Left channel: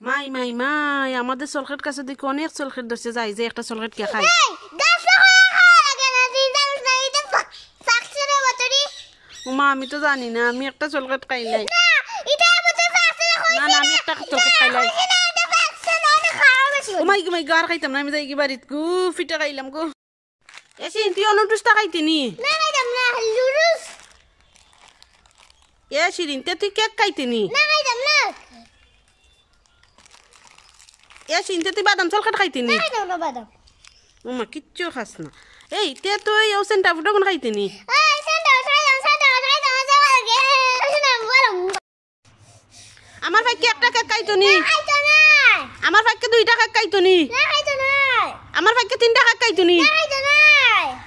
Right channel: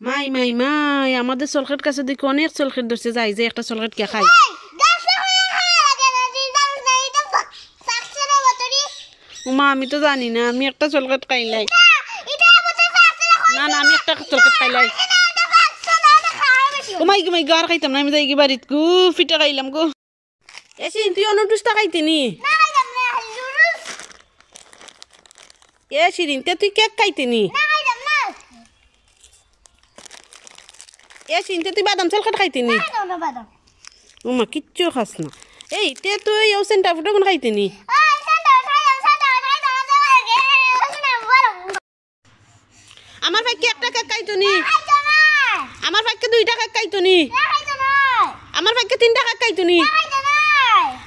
মাই মাই মাই আমাদের চলখেট কাছে দেখি অনেক চলখেট ধরছে যাই যে একটা চলখেট কে খাই মা আমি তো জানি না আমি একটা চলখেট খাইলাই না না আমি একটা চলখেট খাইলাই ও মাই মাই গার খাইতাম না আমি যাই কি বাড়িত গু ফিটা খাইলাম গো এসে তুই অনুটুসটা খাইতিনি এ শিরিন তে তুই কেক খাইতিনি এ শিরিন তুই বাদাম চলখেট খাইতিনি ও মা কিচ্ছু খাস না এই তে তুই ও সেন্টা ফুটো কোন খাইতিনি আমার ভাইকে একটা কেক খাইতনি আমার ভাইকে দুইটা কেক খাইতনি আমার ভাইকে তিনটা কেক খাইতনি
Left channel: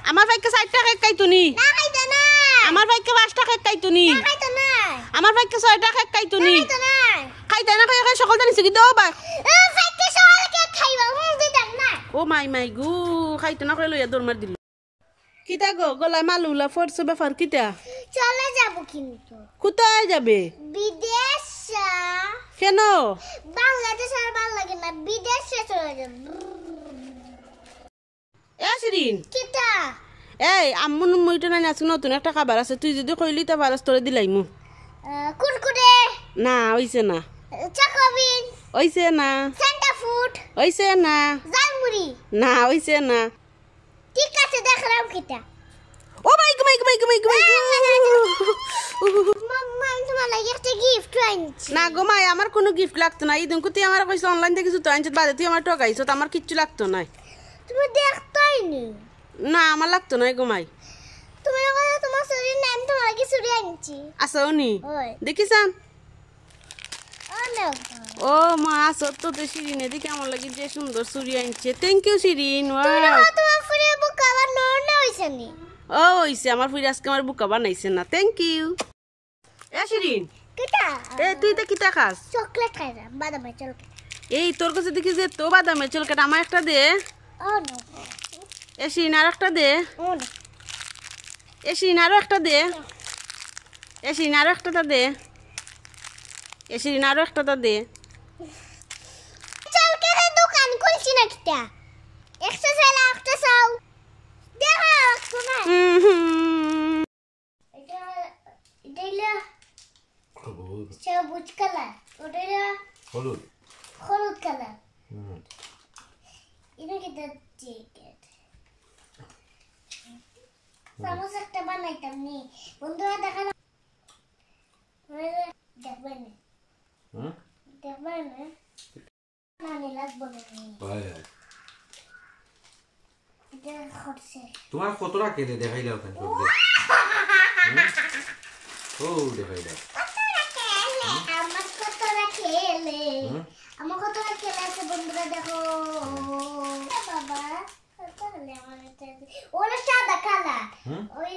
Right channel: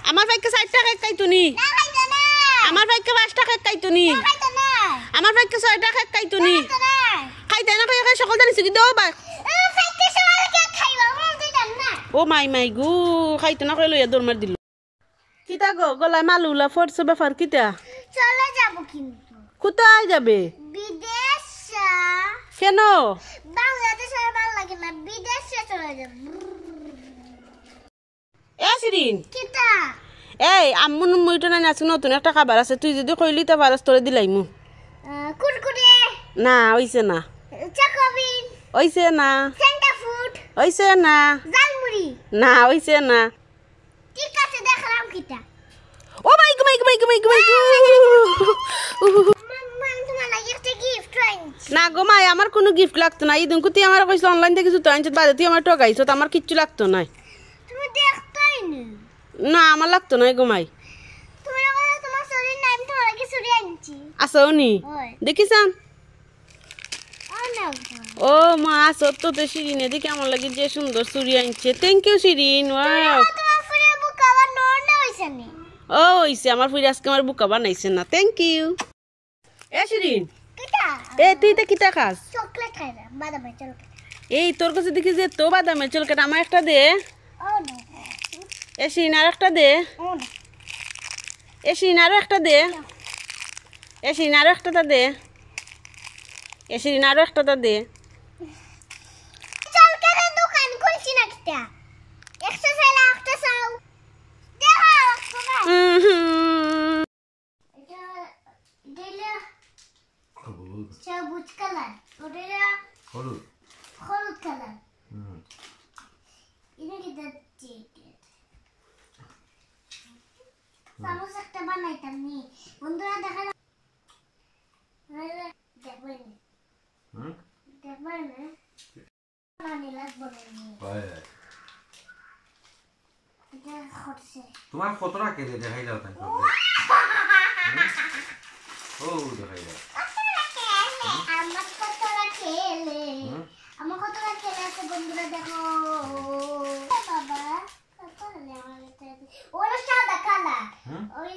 আমার ভাইকে চারটা কেক খাইতনি আমার ভাইকে পাঁচটা কেক খাইতনি আমার ভাইকে ছয়টা কেক খাইতনি খাইতে না খাই সকল জানিস কি দাও বা ও মাই মাই গু খাইতে না খাই লইয়া দৌড় মার দিল কিতা গো গলায় মালুলা ফোরছে ব্যাপার কিতা চলে যাব কিন্তু কোথায় যাবে বিদেশ কেন বাংলাদেশে ভালো লাগে না বিদেশে চলে যাব এ শিরিন কিতা এই আম্মু মুইটা না আজকে নতুন একটা খাবার আছে তুই যদি কইলি তা পারস তোরে দিলাইমু কুরকুরে না হইছে না চকোবিন হইছে না সেন্টা ফুড হইছে না জালমুড়ি না হইছে না ঠিক আছে দেখলাম কিতা ও মাই গো মাই গো মাই গো মাই গো মাই গো মাম্মা তোমার লাগি একটা গিফট আনছি না গো মাই আমার কোনো গিফট লাগতো না ইদিন তুই আমার কইছ অনলাইন থেকে জুতো আনছিস বাদে তুই আমার ঠকাইছ আমার কিচ্ছু লাগতো না তুমি দেখতাই না আমার লাগতো না গো মাই তুমি বলো তোমার শরীর নাম তোমার লাগি চুরি আনছি আসো নি দেখিসান ও ও মা আসো তো তো শিরিন এদিকে আমার লাগি যে সুন্দর চুরি আনছে থ্যাংক ইউ শিরিন ওয়াও তোমার ফুরে বুক আবার নড়না হইছে নি ও হইছে আমার ফুরি আজকে আমার বুকা বানাইছে না থ্যাংক ইউ এ শিরিন কিতা এ তুই তো কিতা খাস চকলেট খাইরা বাদামের চকলেট এই তোর কাছে দেখি যে তো বাদামের চলকেট আমার একটা দে ও নো এ শিরিন আর একটা দে ও নো এ শিরিন আরো একটা দে এ শিরিন আরো একটা দে এ শিরিন আরো একটা দে চকলেটের দোকান খুলছি না কিতা একশো সালে একটা চাও দেখা শোনা এটা এটা সবুজ কালার ওটা হলুদ হলুদ কালার এটা কিতা জ্যাকেট সামোসা একটা বানাইতাম নি বন্ধুরা দেখালাম দেখবেন দেখবেন মানে লাগবে না এটা হচ্ছে তোমার কতটা কেটে দেখাইলাও তাই ও দেখাইলা আমার কতটা খেলে আমার কতটা খেলে আছে বন্ধুরা দেখো বাবা ওরা সাদা কালার ওই